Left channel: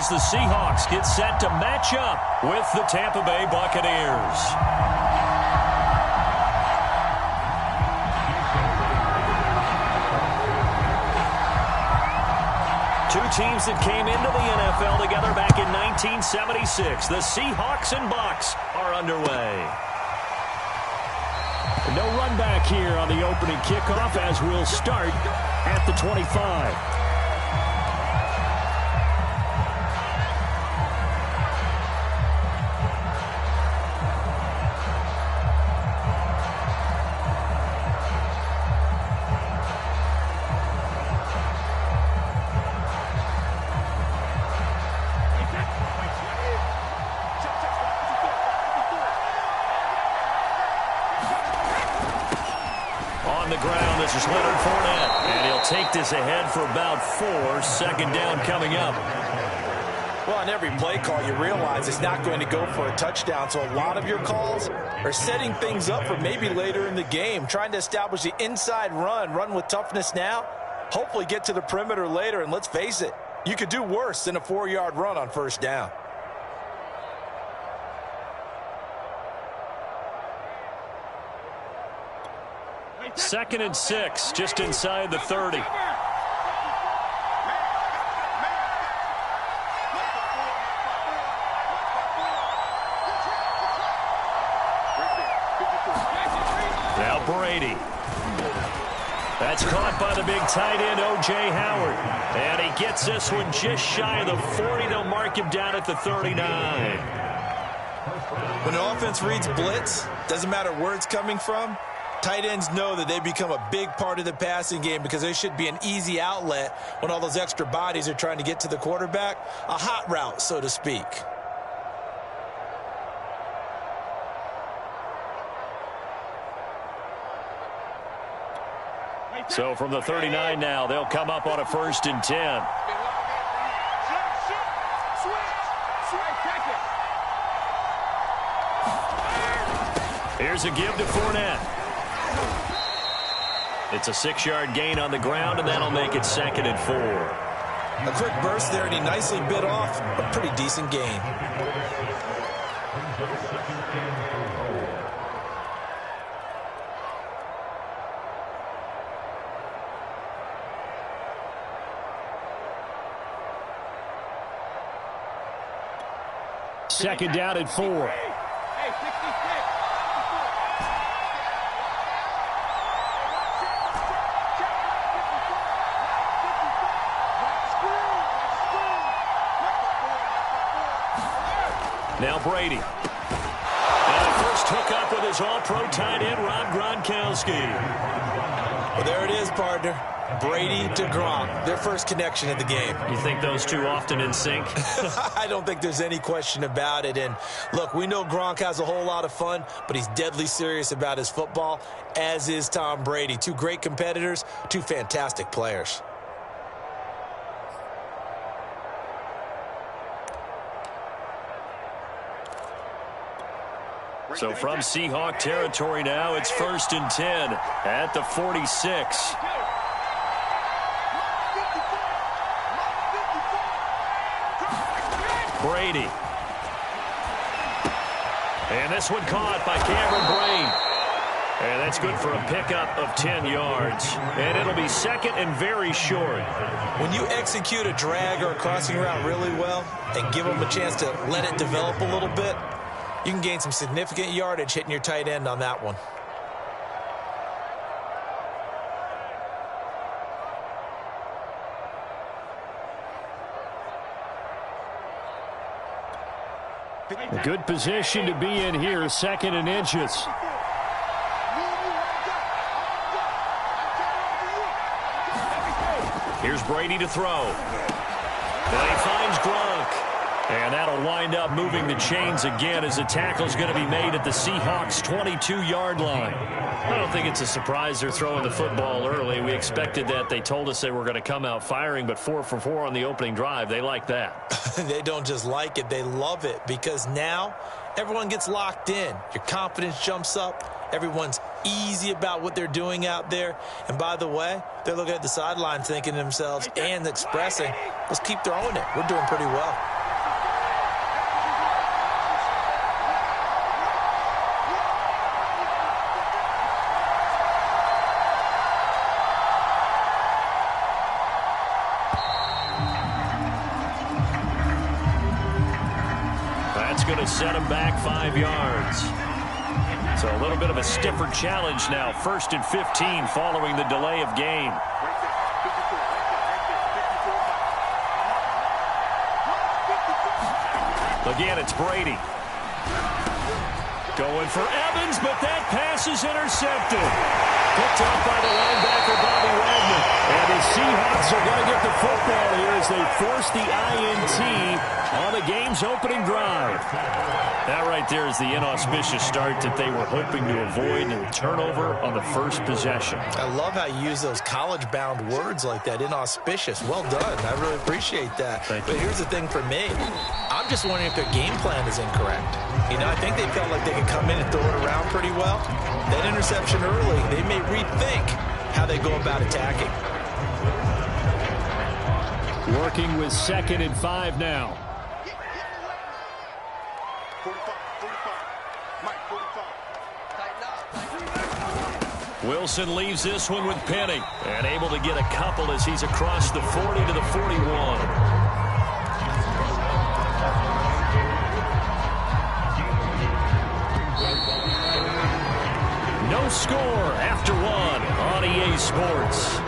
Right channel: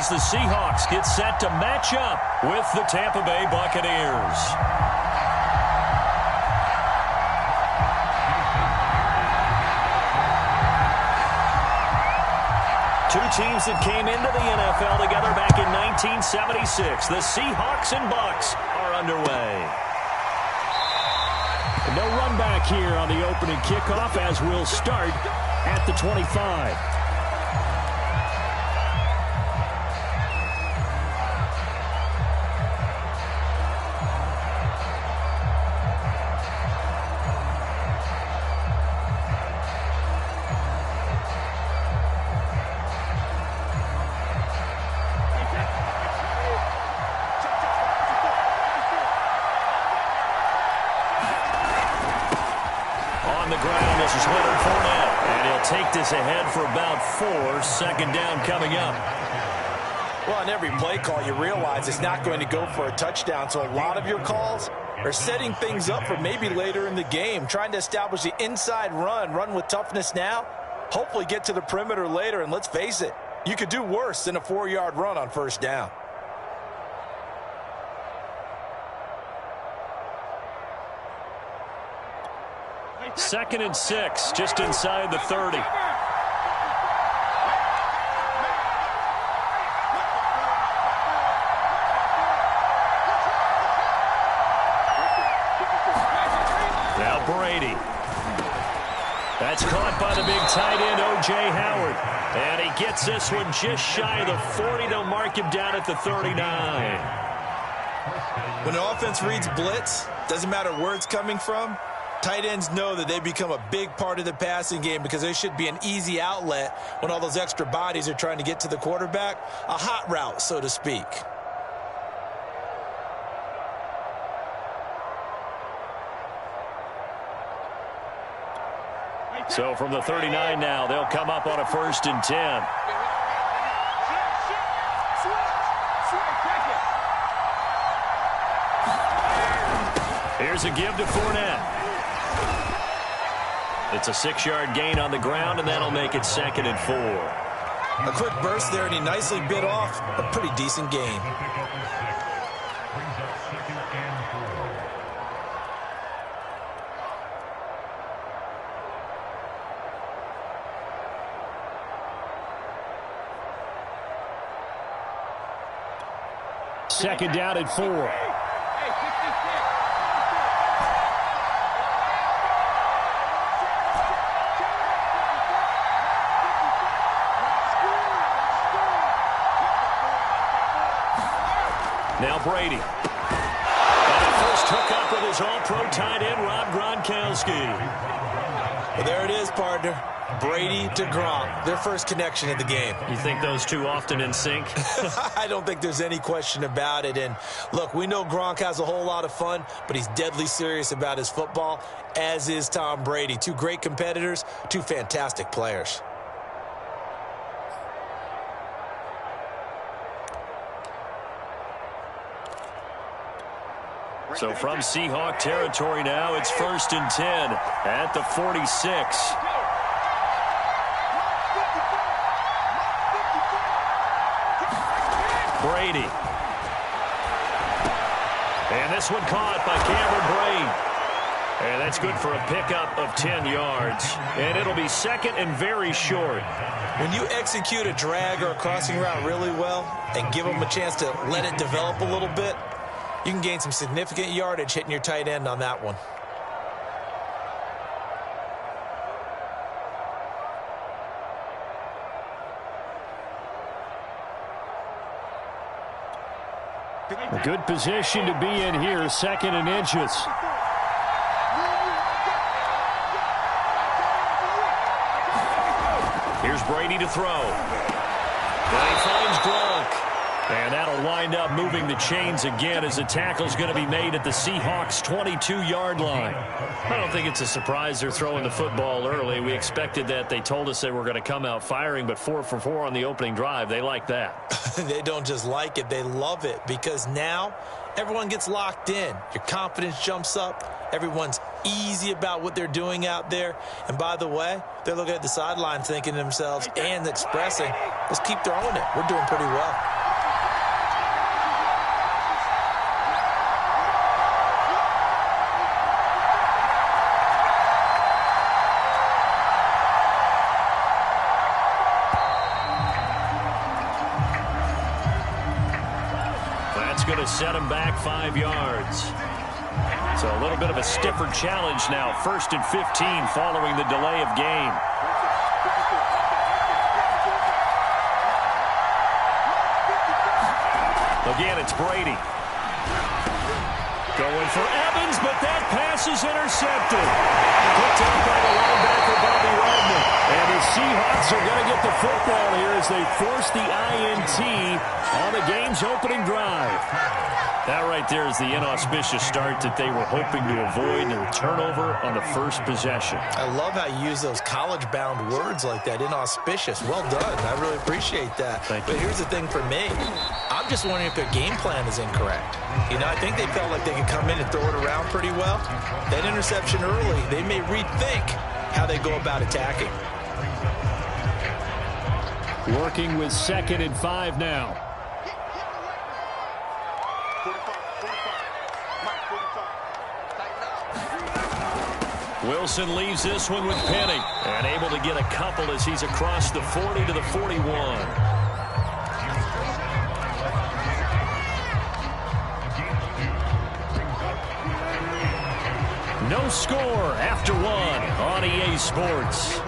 as the Seahawks get set to match up with the Tampa Bay Buccaneers. Two teams that came into the NFL together back in 1976. The Seahawks and Bucs are underway. No run back here on the opening kickoff as we'll start at the 25. On the ground, this is Leonard Fournette, and he'll take this ahead for about 4. Second down coming up. Well, on every play call, you realize it's not going to go for a touchdown, so a lot of your calls are setting things up for maybe later in the game, trying to establish the inside run with toughness now, hopefully get to the perimeter later, and let's face it, you could do worse than a 4-yard run on first down. Second and 6, just inside the 30. Now Brady. That's caught by the big tight end, O.J. Howard. And he gets this one just shy of the 40. They'll mark him down at the 39. When the offense reads blitz, doesn't matter where it's coming from, tight ends know that they become a big part of the passing game because they should be an easy outlet when all those extra bodies are trying to get to the quarterback. A hot route, so to speak. So from the 39 now, they'll come up on a 1st and 10. Here's a give to Fournette. It's a 6-yard gain on the ground, and that'll make it 2nd and 4. A quick burst there, and he nicely bit off a pretty decent gain. Second down and 4. Now Brady. And a first hookup with his all-pro tight end, Rob Gronkowski. Well, there it is, partner. Brady to Gronk, their first connection in the game. You think those two often in sync? I don't think there's any question about it. And look, we know Gronk has a whole lot of fun, but he's deadly serious about his football, as is Tom Brady. Two great competitors, two fantastic players. So from Seahawk territory now, it's 1st and 10 at the 46. Brady. And this one caught by Cameron Brate. And that's good for a pickup of 10 yards. And it'll be 2nd and very short. When you execute a drag or a crossing route really well and give them a chance to let it develop a little bit, you can gain some significant yardage hitting your tight end on that one. A good position to be in here, 2nd and inches. Here's Brady to throw. And he finds Gronk. And that'll wind up moving the chains again as the tackle's going to be made at the Seahawks' 22-yard line. I don't think it's a surprise they're throwing the football early. We expected that. They told us they were going to come out firing, but 4 for 4 on the opening drive. They like that. They don't just like it. They love it because now everyone gets locked in. Your confidence jumps up. Everyone's easy about what they're doing out there. And by the way, they're looking at the sideline thinking to themselves and expressing, let's keep throwing it. We're doing pretty well. That's going to set him back 5 yards. So a little bit of a stiffer challenge now. 1st and 15 following the delay of game. Again, it's Brady. Going for Evans, but that pass is intercepted. Picked up by the linebacker, Bobby Wagner. And the Seahawks are going to get the football here as they force the INT on the game's opening drive. That right there is the inauspicious start that they were hoping to avoid, and a turnover on the first possession. I love how you use those college-bound words like that, inauspicious. Well done. I really appreciate that. Thank you. But here's the thing for me. I'm just wondering if their game plan is incorrect. You know, I think they felt like they could come in and throw it around pretty well. That interception early, they may rethink how they go about attacking. Working with 2nd and 5 now. 45. Mike, 45. Tighten up. Wilson leaves this one with Penny. And able to get a couple as he's across the 40 to the 41. No score after 1 on EA Sports.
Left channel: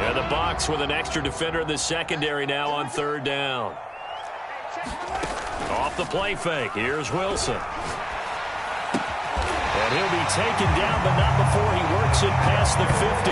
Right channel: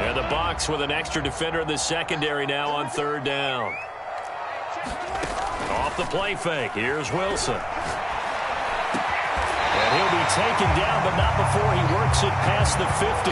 And the box with an extra defender in the secondary now on 3rd down. Off the play fake. Here's Wilson. And he'll be taken down, but not before he works it past the 50.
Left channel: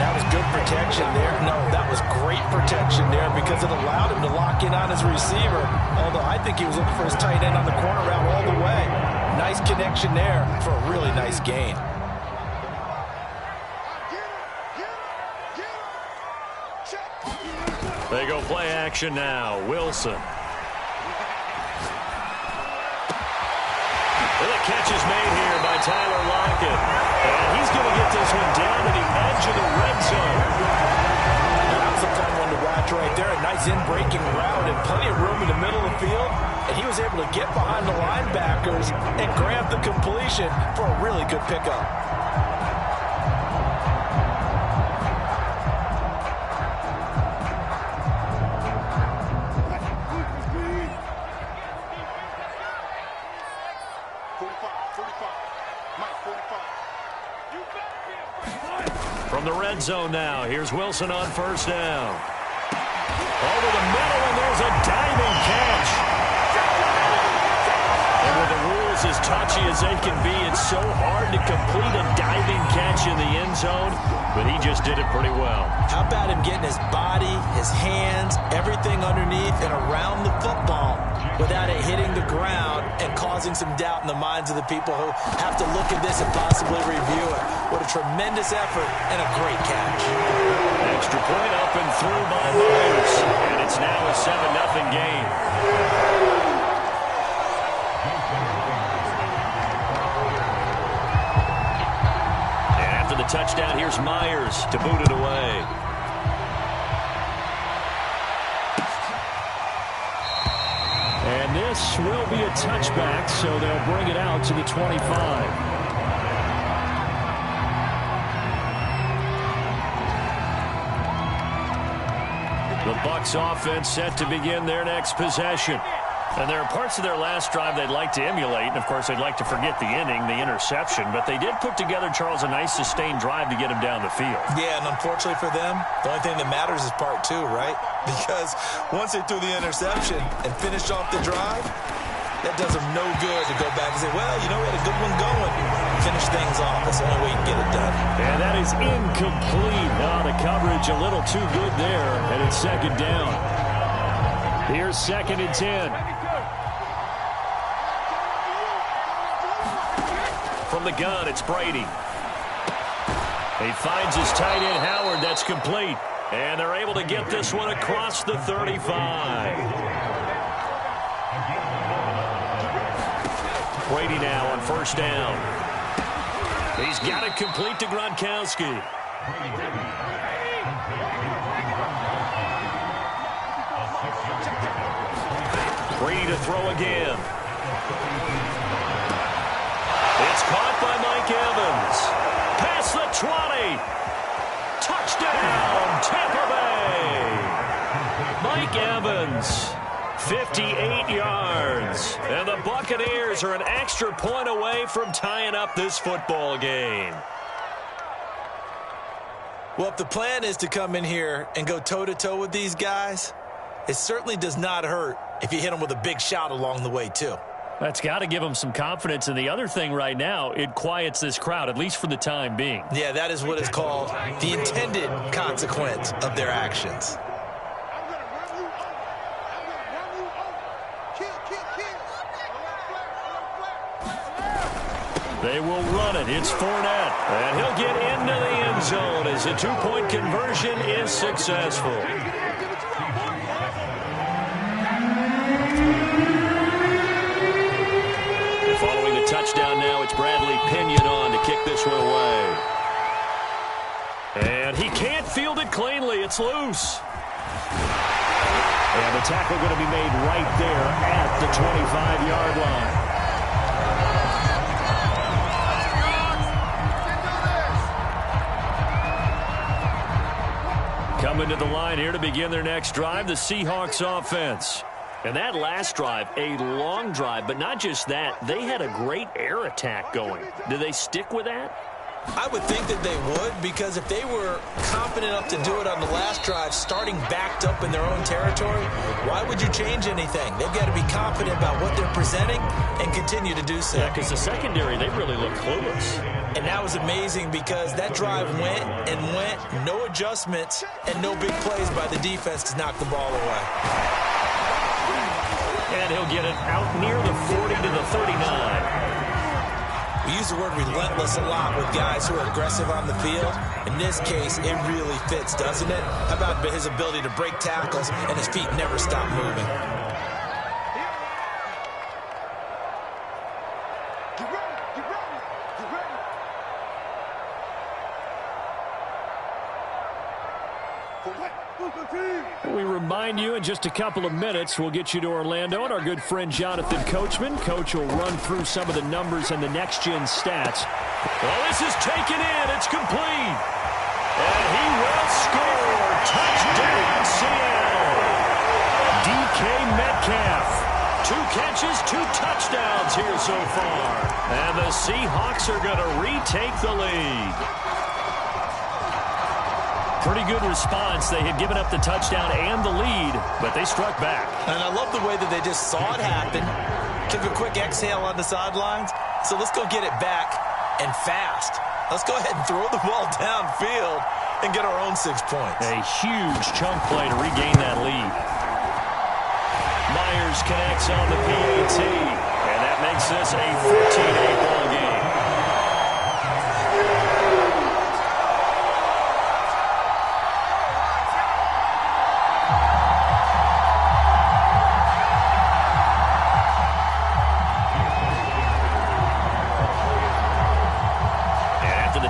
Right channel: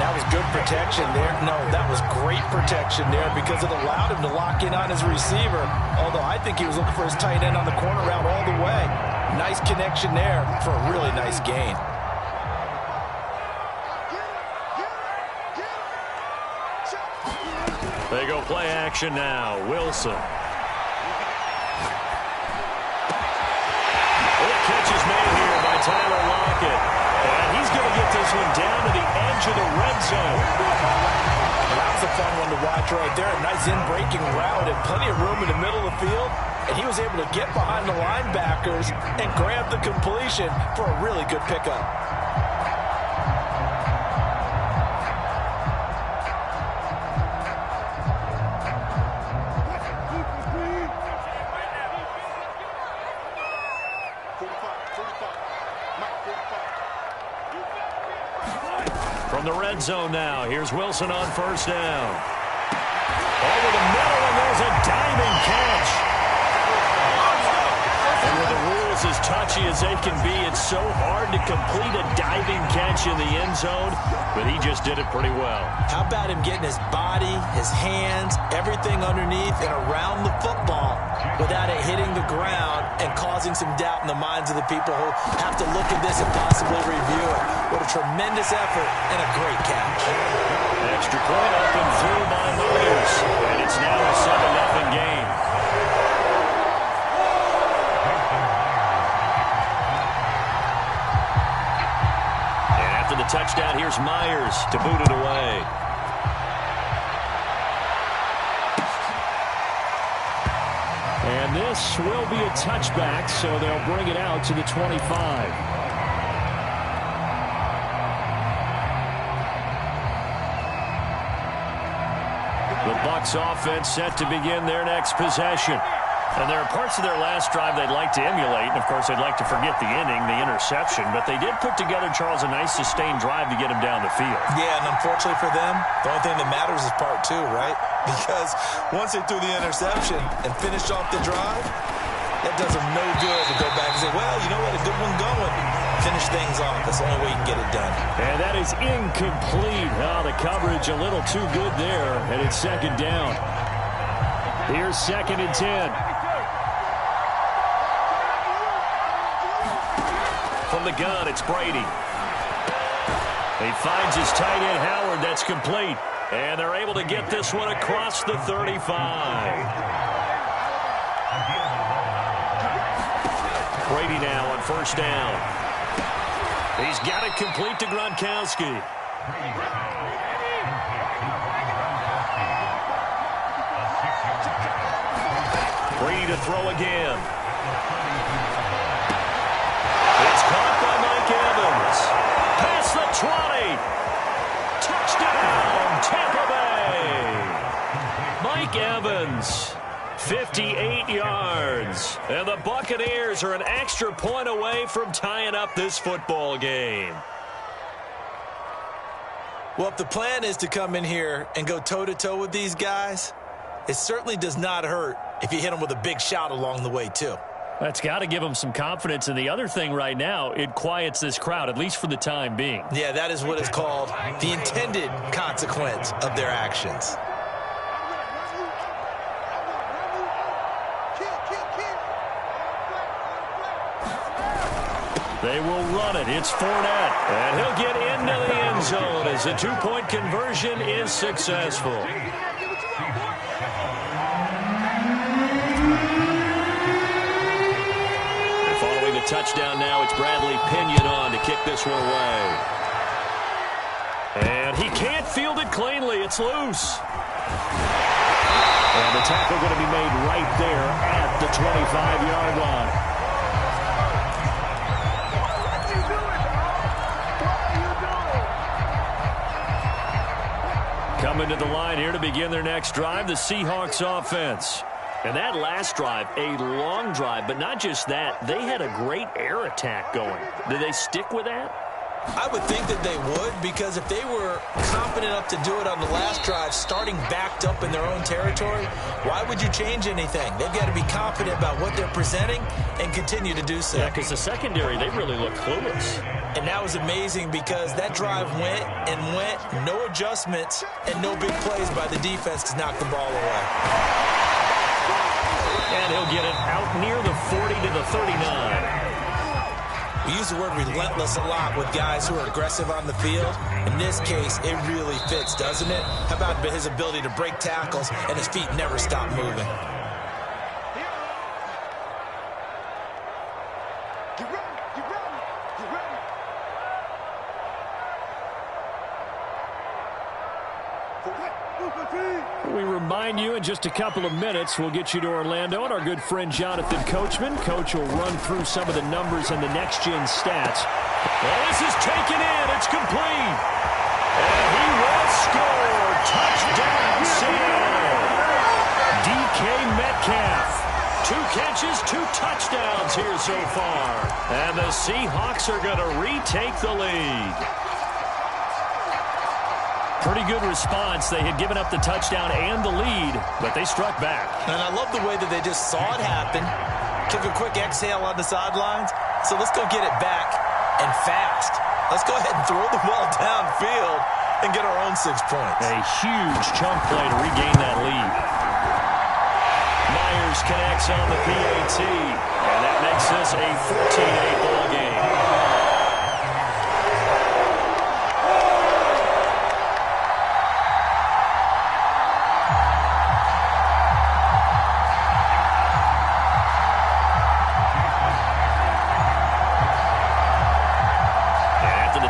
That was good protection there. No, that was great protection there because it allowed him to lock in on his receiver. Although I think he was looking for his tight end on the corner route all the way. Nice connection there for a really nice gain. They go play action now. Wilson. Well, the catch is made here by Tyler Lockett. And he's going to get this one down to the edge of the red zone. That was a fun one to watch right there. A nice in-breaking route and plenty of room in the middle of the field. And he was able to get behind the linebackers and grab the completion for a really good pickup. From the red zone now, here's Wilson on 1st down. Over the middle, and there's a diving catch. And with the rules as touchy as they can be, it's so hard to complete a diving catch in the end zone, but he just did it pretty well. How about him getting his body, his hands, everything underneath and around the football without it hitting the ground and causing some doubt in the minds of the people who have to look at this and possibly review it. What a tremendous effort and a great catch. Extra point up and through by Myers, and it's now a 7-0 game. After the touchdown, here's Myers to boot it away. And this will be a touchback, so they'll bring it out to the 25. The Bucs offense set to begin their next possession. And there are parts of their last drive they'd like to emulate. And, of course, they'd like to forget the inning, the interception. But they did put together, Charles, a nice sustained drive to get him down the field. Yeah, and unfortunately for them, the only thing that matters is part 2, right? Because once they threw the interception and finished off the drive, that does them no good to go back and say, well, you know, we had a good one going. Finish things off. That's the only way you can get it done. And that is incomplete. Now the coverage a little too good there, and it's 2nd down. Here's 2nd and 10. From the gun, it's Brady. He finds his tight end, Howard. That's complete. And they're able to get this one across the 35. Brady now on 1st down. He's got it complete to Gronkowski. Brady to throw again. It's caught by Mike Evans. Past the 20. Touchdown, Tampa Bay. Mike Evans, 58 yards. And the Buccaneers are an extra point away from tying up this football game. Well, if the plan is to come in here and go toe-to-toe with these guys, it certainly does not hurt if you hit them with a big shout along the way, too. That's got to give them some confidence. And the other thing right now, it quiets this crowd, at least for the time being. Yeah, that is what is called the intended consequence of their actions. I'm going to run you over. I'm going to run you over. Kill, kill, kill. Alert, They will run it. It's Fournette. And he'll get into the end zone as the two-point conversion is successful. Following the touchdown now, it's Bradley Pinion on to kick this one away. And he can't field it cleanly. It's loose. And the tackle going to be made right there at the 25-yard line. Coming to the line here to begin their next drive, the Seahawks offense. And that last drive, a long drive, but not just that. They had a great air attack going. Do they stick with that? I would think that they would, because if they were confident enough to do it on the last drive, starting backed up in their own territory, why would you change anything? They've got to be confident about what they're presenting and continue to do so. Yeah, because the secondary, they really look clueless. And that was amazing because that drive went and went, no adjustments, and no big plays by the defense to knock the ball away. And he'll get it out near the 40 to the 39. We use the word relentless a lot with guys who are aggressive on the field. In this case, it really fits, doesn't it? How about his ability to break tackles and his feet never stop moving? Get ready, get ready, get ready. For what? We remind you in just a couple of minutes, we'll get you to Orlando and our good friend Jonathan Coachman. Coach will run through some of the numbers and the next-gen stats. Well, this is taken in. It's complete. And he will score. Touchdown, Seattle. DK Metcalf. 2 catches, 2 touchdowns here so far. And the Seahawks are going to retake the lead. Pretty good response. They had given up the touchdown and the lead, but they struck back. And I love the way that they just saw it happen, took a quick exhale on the sidelines. So let's go get it back and fast. Let's go ahead and throw the ball downfield and get our own 6 points. A huge chunk play to regain that lead. Myers connects on the PAT, and that makes this a 14-8 ball game.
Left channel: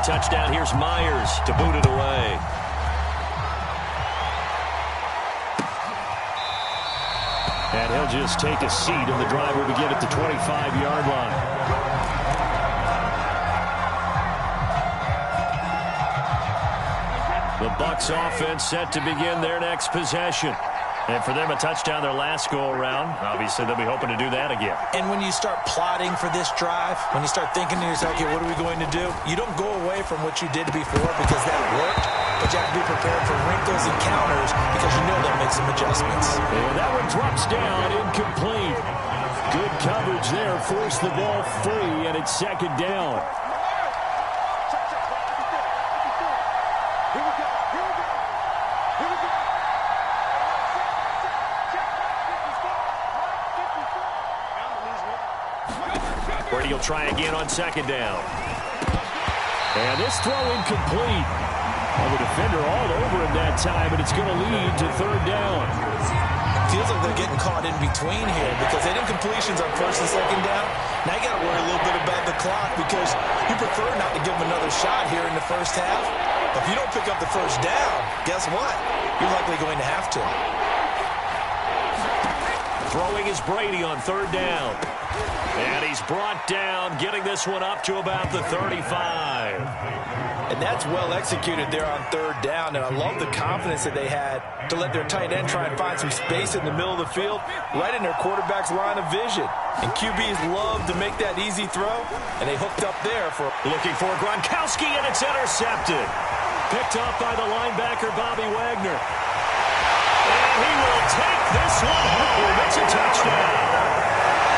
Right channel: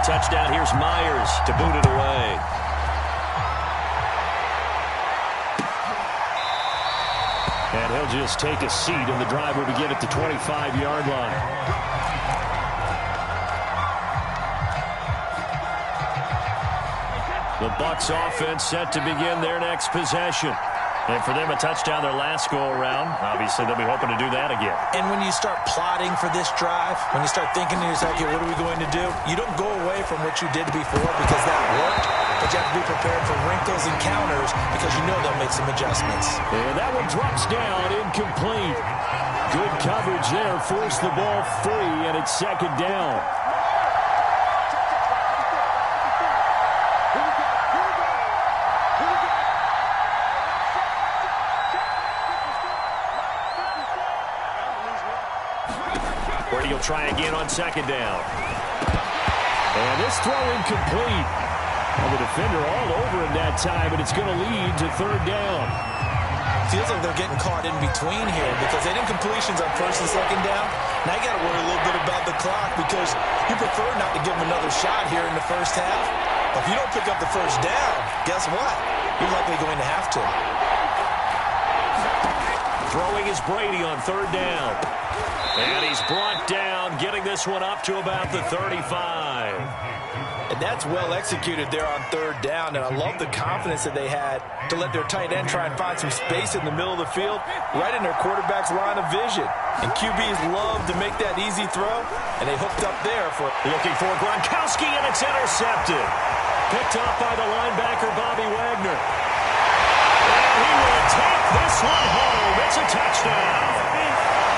Touchdown, here's Myers to boot it away. And he'll just take a seat, and the drive will begin at the 25-yard line. The Bucs offense set to begin their next possession. And for them, a touchdown their last go-around. Obviously, they'll be hoping to do that again. And when you start plotting for this drive, when you start thinking to yourself, okay, what are we going to do? You don't go away from what you did before because that worked, but you have to be prepared for wrinkles and counters because you know they'll make some adjustments. And that one drops down, incomplete. Good coverage there, forced the ball free, and it's second down. Brady will try again on second down. And this throw incomplete. Well, the defender all over him that time, and it's going to lead to third down. Feels like they're getting caught in between here because they did completions on first and second down. Now you got to worry a little bit about the clock because you prefer not to give them another shot here in the first half. But if you don't pick up the first down, guess what? You're likely going to have to. Throwing is Brady on third down. And he's brought down, getting this one up to about the 35. And that's well executed there on third down. And I love the confidence that they had to let their tight end try and find some space in the middle of the field, right in their quarterback's line of vision. And QBs love to make that easy throw, and they hooked up there for... Looking for Gronkowski, and it's intercepted. Picked up by the linebacker, Bobby Wagner. And he will take this one home. It's a touchdown.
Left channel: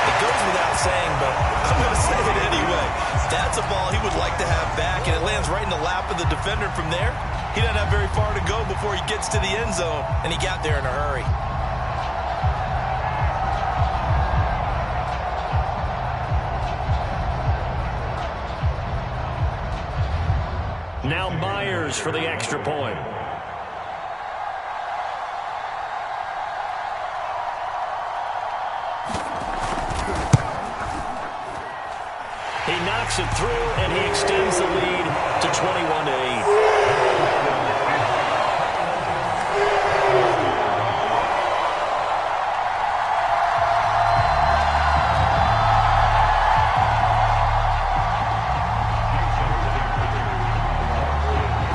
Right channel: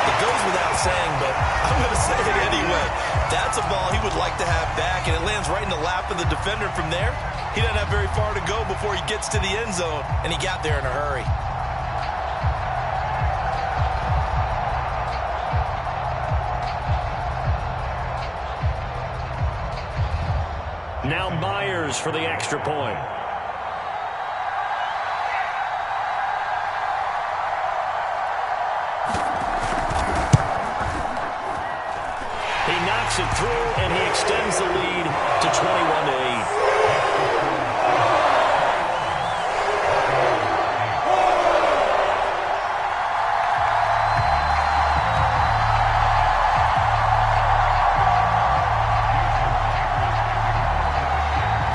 It goes without saying, but I'm going to say it anyway. That's a ball he would like to have back, and it lands right in the lap of the defender from there. He doesn't have very far to go before he gets to the end zone, and he got there in a hurry. Now Myers for the extra point. He knocks it through, and he extends the lead to 21-8.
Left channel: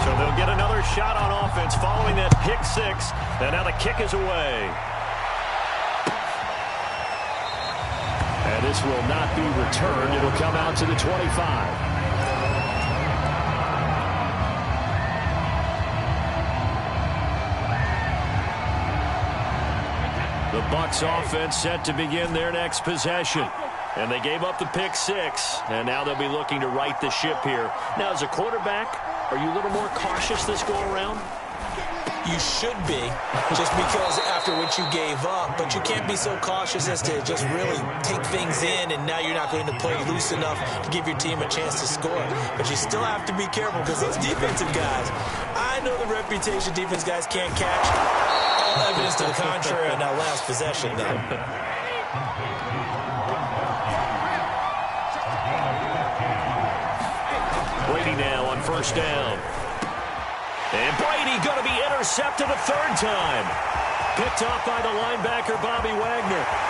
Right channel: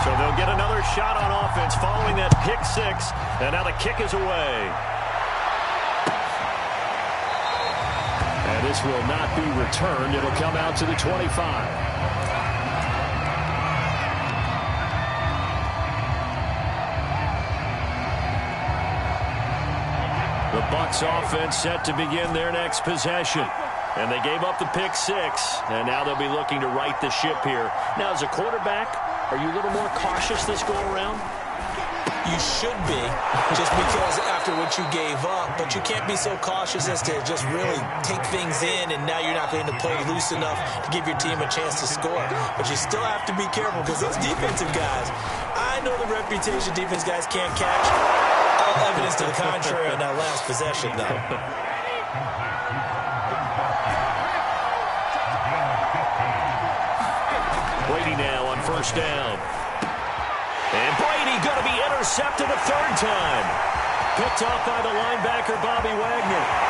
So they'll get another shot on offense following that pick six, and now the kick is away. And this will not be returned. It'll come out to the 25. The Bucs offense set to begin their next possession. And they gave up the pick six, and now they'll be looking to right the ship here. Now, as a quarterback, are you a little more cautious this go-around? You should be, just because after what you gave up, but you can't be so cautious as to just really take things in, and now you're not going to play loose enough to give your team a chance to score. But you still have to be careful, because those defensive guys, I know the reputation defense guys can't catch. All evidence to the contrary on that last possession, though. Brady now on first down. And Brady going to be intercepted a third time. Picked off by the linebacker, Bobby Wagner.